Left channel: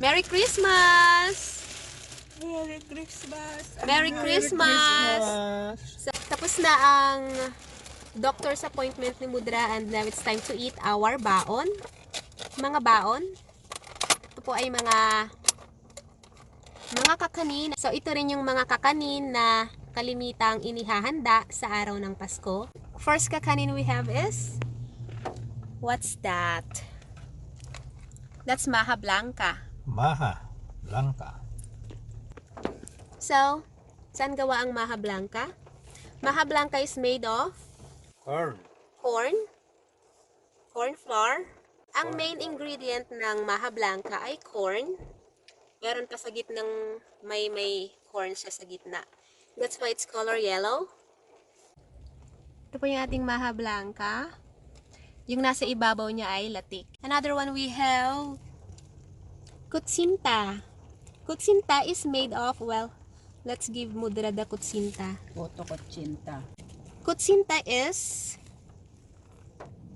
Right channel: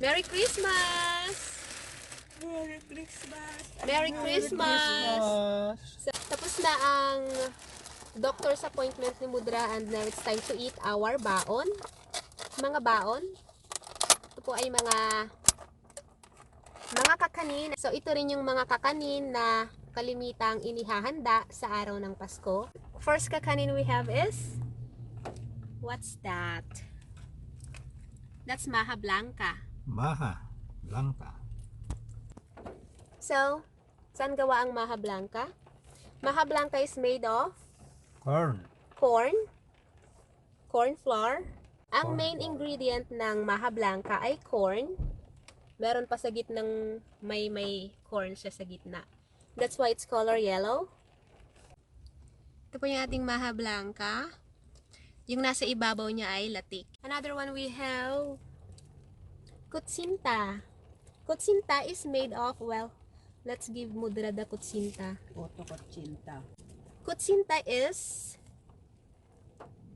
Merry Christmas! Merry Christmas! Merry Christmas! Christmas! So, tapos na ang doctor's appointment ni Mudra and now it's time to eat our baon. Mga baon. Ito po ay mga kakanin. So, ito rin yung mga kakanin na kalimitang inihahanda sa araw ng Pasko. First kakanin we have is, what's that? That's maha blanca. Maha Blanca. So, saan gawa ang maha blanca? Maha blanca is made of Corn. corn flour. Ang main ingredient ng maha blanca ay corn. Meron pa sa gitnang may corn siya sa gitna. That's why it's color yellow. Ito po yung ating maha blanca. Yung nasa ibabaw niya ay latik. Another one we have kutsinta. Kutsinta is made of, well, let's give Mudra the kutsinta. Photo kutsinta. Kutsinta is,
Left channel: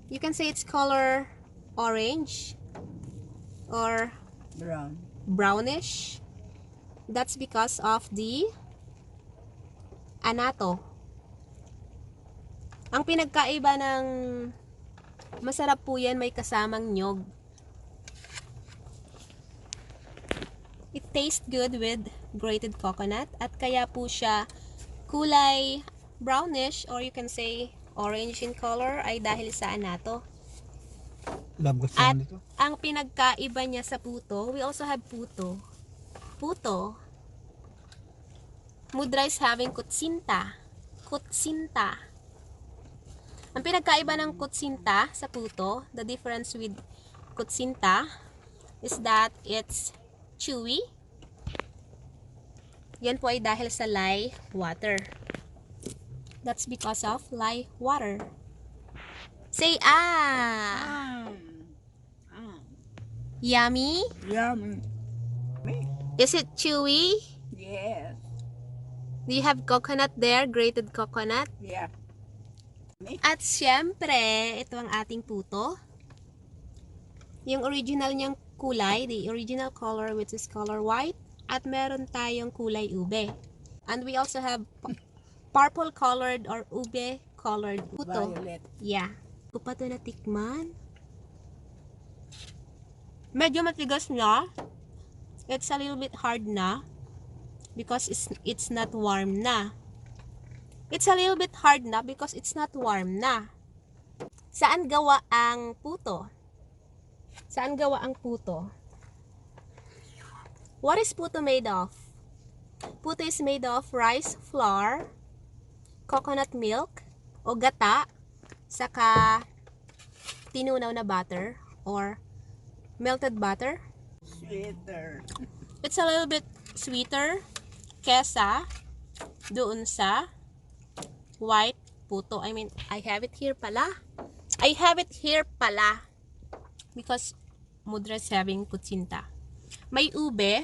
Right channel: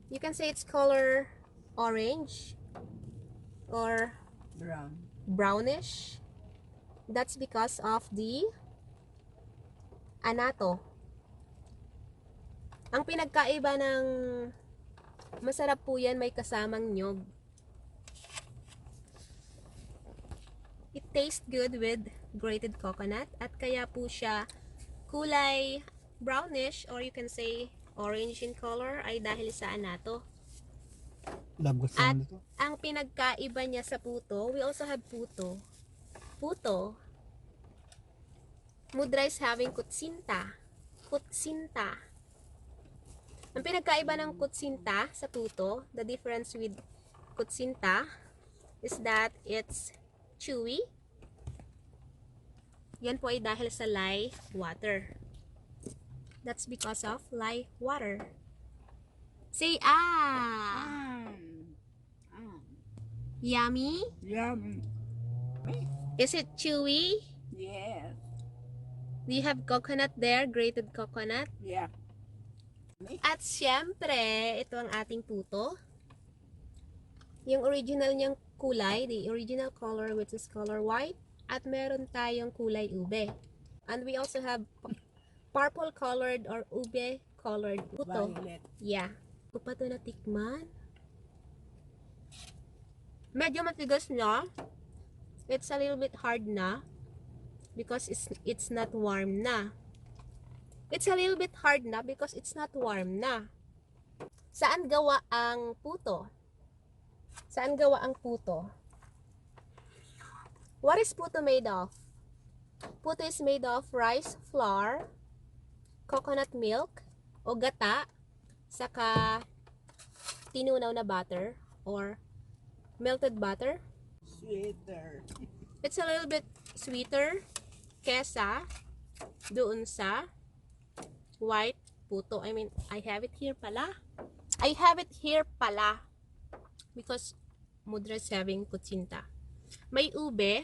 you can say it's color orange or Brown. brownish. That's because of the anato. Ang pinagkaiba ng masarap po yan, may kasamang nyog. It tastes good with grated coconut at kaya po siya kulay brownish or you can say orange in color ay dahil sa anato. Love ko At dito. ang pinagkaiba niya sa puto, we also have puto. Puto. Mudra is having kutsinta. Kutsinta. Ang pinagkaiba ng kutsinta sa puto, the difference with kutsinta is that it's chewy. Yan po ay dahil sa lye water. That's because of lye water. Say ah! Yummy? Yum. Is it chewy? Yes. Do you have coconut there? Grated coconut? Yeah. At syempre, ito ang ating puto. Yung original niyang kulay, the original color which is color white. At meron tayong kulay ube. And we also have purple colored or ube colored puto. Violet. Yeah. Ko pa ito natikman. Medyo matigas na. It's a little bit hard na. Because it's not warm na. It's a little bit hard na because it's not warm na. Saan gawa ang puto? Saan gawa ang puto? What is puto made of? Puto is made of rice flour, coconut milk, o gata, saka tinunaw na butter or melted butter. Sweeter. It's a little bit sweeter kesa doon sa white puto. I mean, I have it here pala. I have it here pala. Because Mudra is having kutsinta. May ube.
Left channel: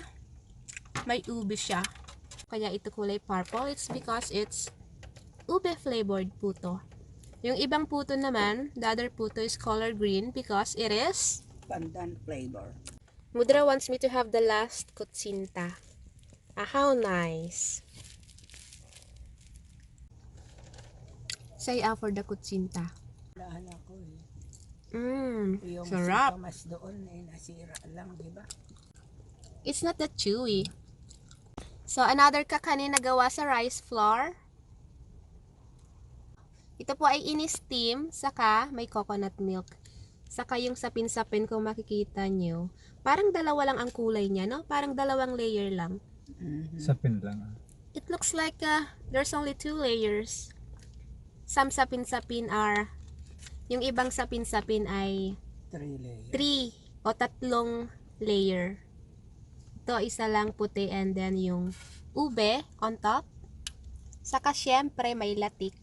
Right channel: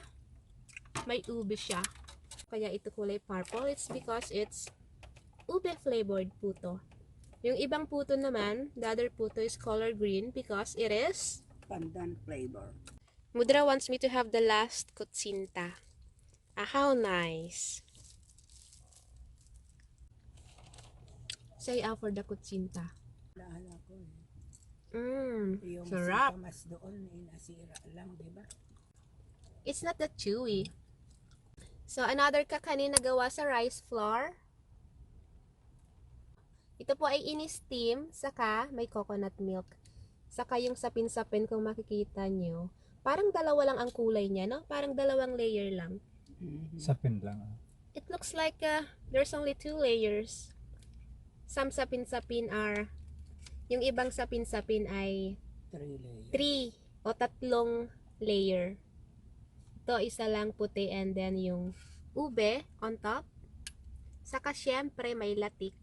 May ube siya. Kaya ito kulay purple. It's because it's ube flavored puto. Yung ibang puto naman, the other puto is color green because it is Pandan flavor. Mudra wants me to have the last kutsinta. Ah, how nice. Say ah for the kutsinta. Lahan ako eh. Yung Sarap. singkamas doon eh, nasira lang, di ba? It's not that chewy. So, another kakanin na gawa sa rice flour. Ito po ay ini-steam, saka may coconut milk. Saka yung sapin-sapin kung makikita nyo. Parang dalawa lang ang kulay niya, no? Parang dalawang layer lang. Sapin lang. It looks like there's only 2 layers. Some sapin-sapin are, yung ibang sapin-sapin ay 3 layers. 3 o 3 layer. Ito isa lang puti and then yung ube on top. Saka syempre may latik.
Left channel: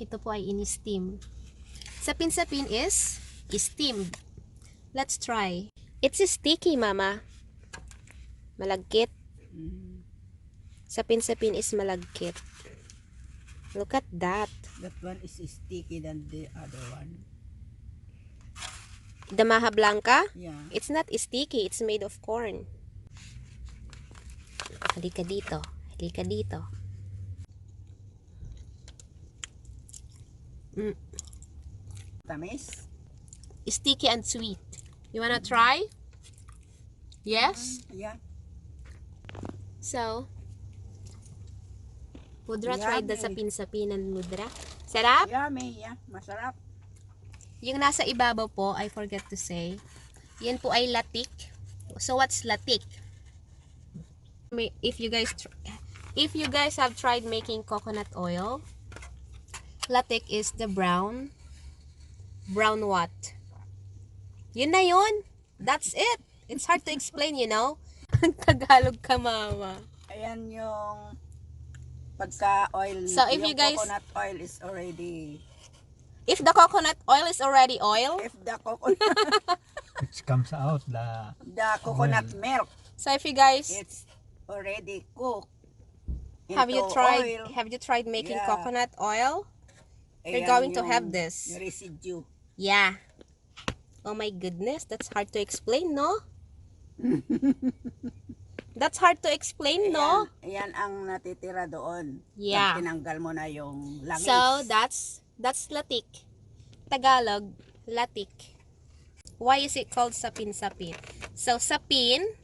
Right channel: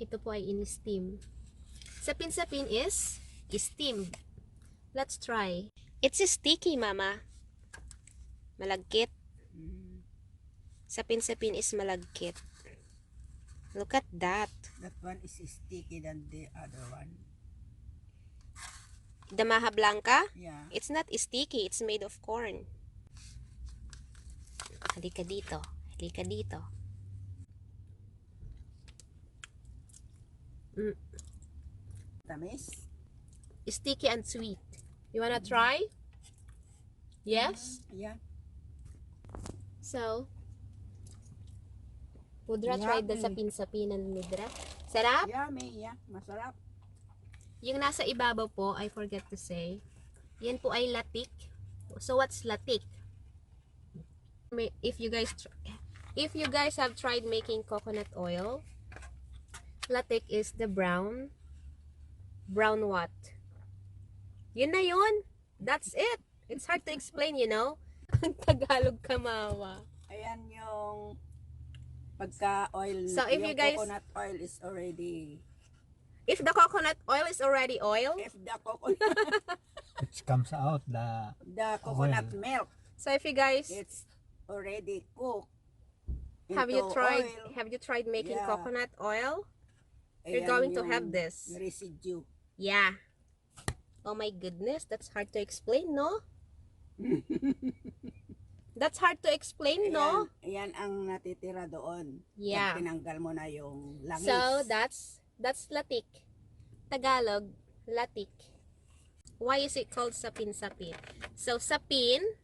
Ito po ay ini-steam. Sapin-sapin is steamed. Let's try. It's sticky, mama. Malagkit. Sapin-sapin is malagkit. Look at that. That one is sticky than the other one. The maha blanca? Yeah. It's not sticky. It's made of corn. Halika dito. Halika dito. Tamis? Sticky and sweet. You wanna try? Yes? Yeah. So, Mudra tried the Yummy. sapin-sapinan, Mudra. Sarap? Yummy, yeah. Masarap. Yung nasa ibabaw po, I forgot to say, yan po ay latik. So, what's latik? If you guys have tried making coconut oil, latik is the brown what? Yun na yun. That's it. It's hard to explain, you know? Tagalog ka, mama. Ayan yung pagka-oil. So, if yung you guys- coconut oil is already... If the coconut oil is already oil, If the coconut, It comes out the coconut oil. milk, so if you guys it's already cooked have you into tried oil. making Yeah. coconut oil? You're Ayan going to yung have this. residue. Yeah. Oh my goodness, that's hard to explain, no? That's hard to explain, no? Ayan ang natitira doon. Yeah. Pag tinanggal mo na yung langis. So that's latik. Tagalog, latik. Why is it called sapin-sapin? So sapin,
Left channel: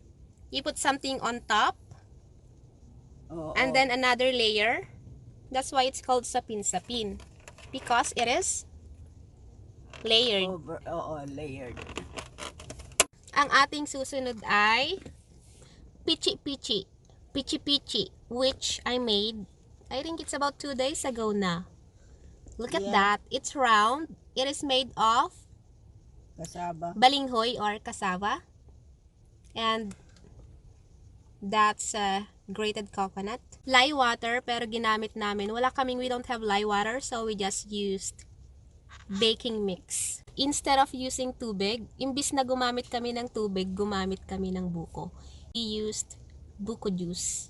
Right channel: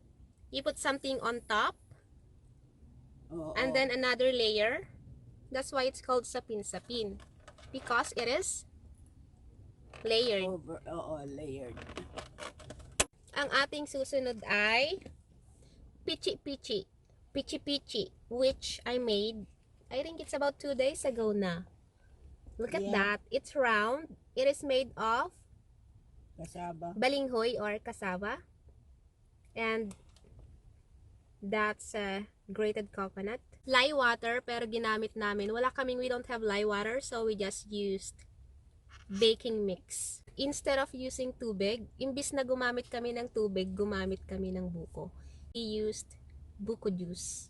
you put something on top Oo. and then another layer. That's why it's called sapin-sapin. Because it is layered. Layered. Ang ating susunod ay pichi-pichi. Pichi-pichi, which I made, I think it's about 2 days ago na. Look at Yeah. that. It's round. It is made of Kasaba. balinghoy or cassava. And that's grated coconut. Lye water, pero ginamit namin. We don't have lye water, so we just used baking mix. Instead of using tubig, imbis na gumamit kami ng tubig, gumamit kami ng buko. We used buko juice.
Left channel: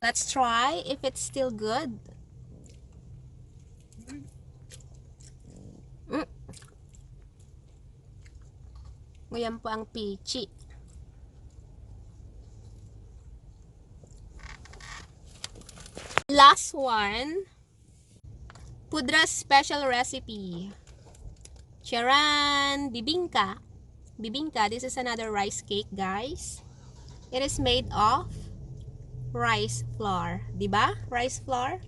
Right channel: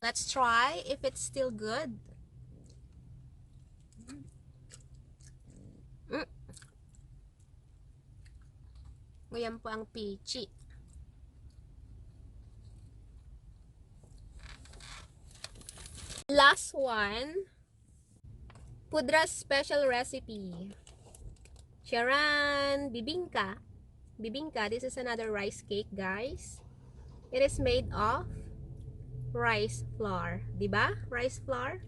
Let's try if it's still good. Ayan po ang pichi. Last one. Pudra's special recipe. Charan! Bibingka. Bibingka, this is another rice cake, guys. It is made of rice flour. Diba? Rice flour.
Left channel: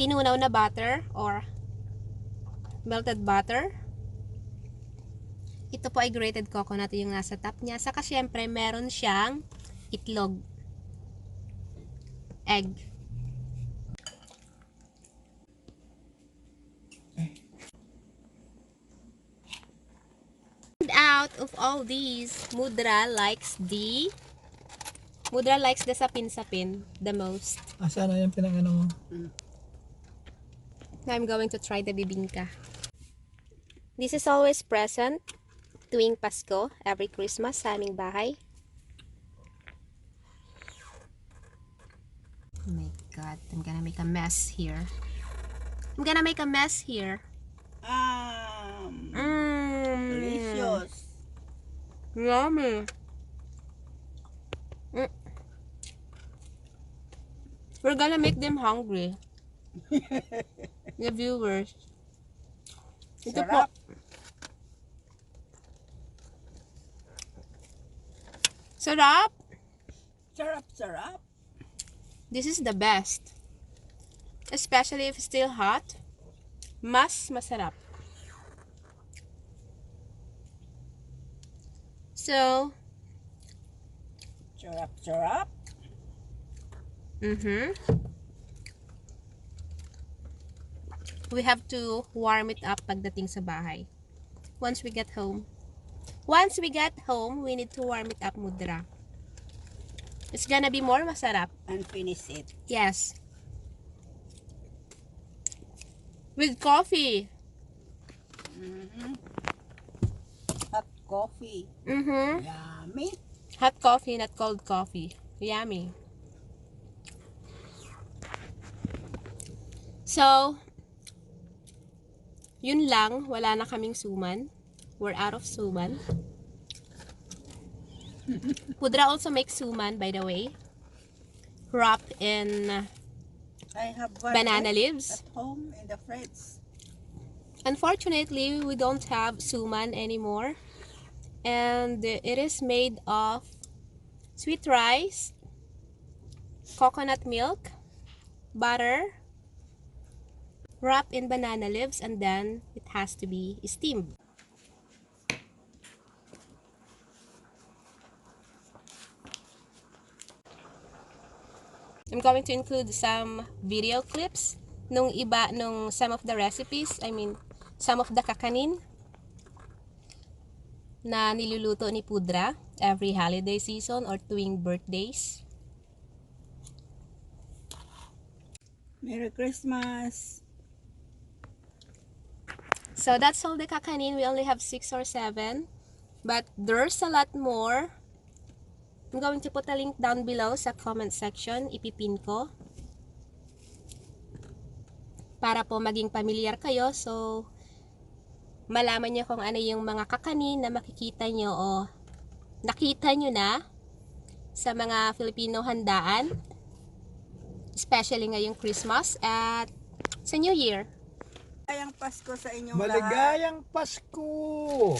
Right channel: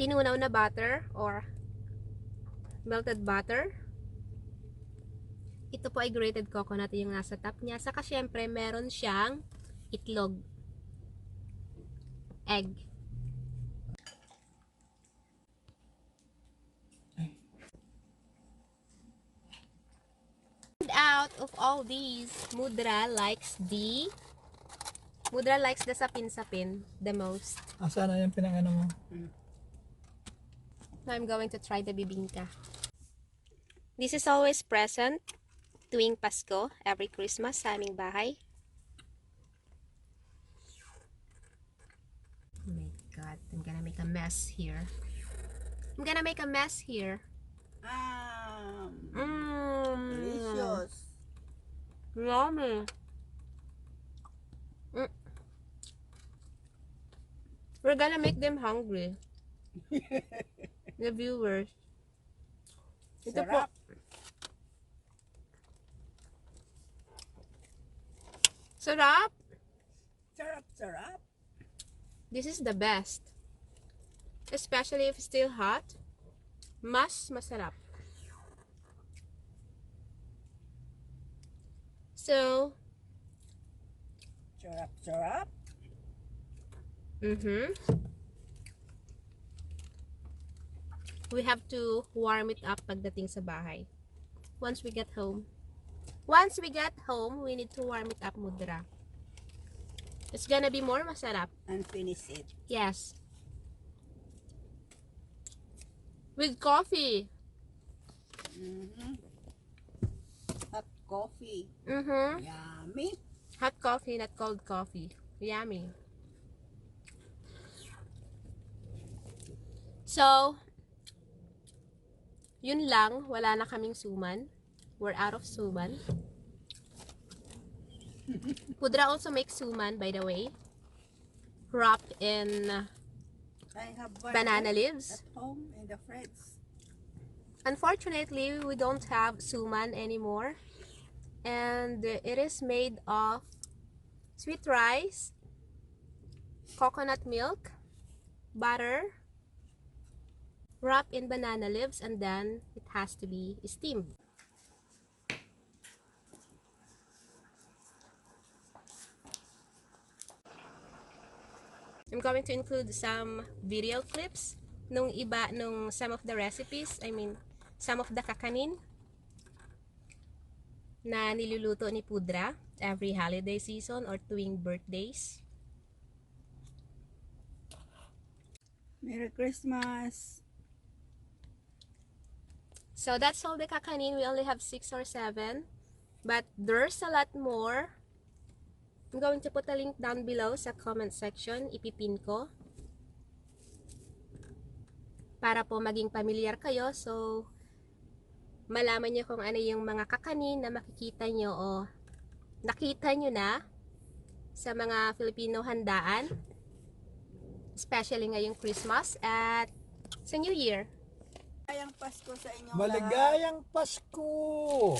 Tinunaw na butter or melted butter. Ito po ay grated coconut yung nasa top niya. Saka syempre meron siyang itlog. Egg. And out of all these, Mudra likes the sapin-sapin the most. Asa na yung pinangano mo? Now I'm going to try the bibingka. This is always present tuwing Pasko, every Christmas sa aming bahay. Oh my God, I'm gonna make a mess here. Delicious. Yummy. We're gonna make them hungry. The viewers. Ito po. Sarap. Sarap. Sarap. This is the best. Especially if it's still hot. Mas masarap. So, Sarap. we have to warm it up pagdating sa bahay. Once we get home, we need to warm it up, Mudra. It's gonna be more masarap. And finish it. Yes. With coffee. Hot coffee. Mm-hmm. Yummy. Hot coffee, not cold coffee. Yummy. So, yun lang. Wala na kaming suman. We're out of suman. Pudra also makes suman, by the way. Wrapped in I have one banana left leaves. at home in the fridge. Unfortunately, we don't have suman anymore. And it is made of sweet rice, coconut milk, butter, wrapped in banana leaves, and then it has to be steamed. I'm going to include some video clips nung some of the recipes, some of the kakanin na niluluto ni Pudra every holiday season or tuwing birthdays. Merry Christmas. So that's all the kakanin. We only have 6 or 7, but there's a lot more. I'm going to put a link down below sa comment section. Ipipin ko. Para po maging familiar kayo. So, malaman nyo kung ano yung mga kakanin na makikita nyo o nakita nyo na sa mga Filipino handaan. Especially ngayong Christmas at sa New Year. Maligayang Pasko sa inyong lahat. Maligayang Pasko!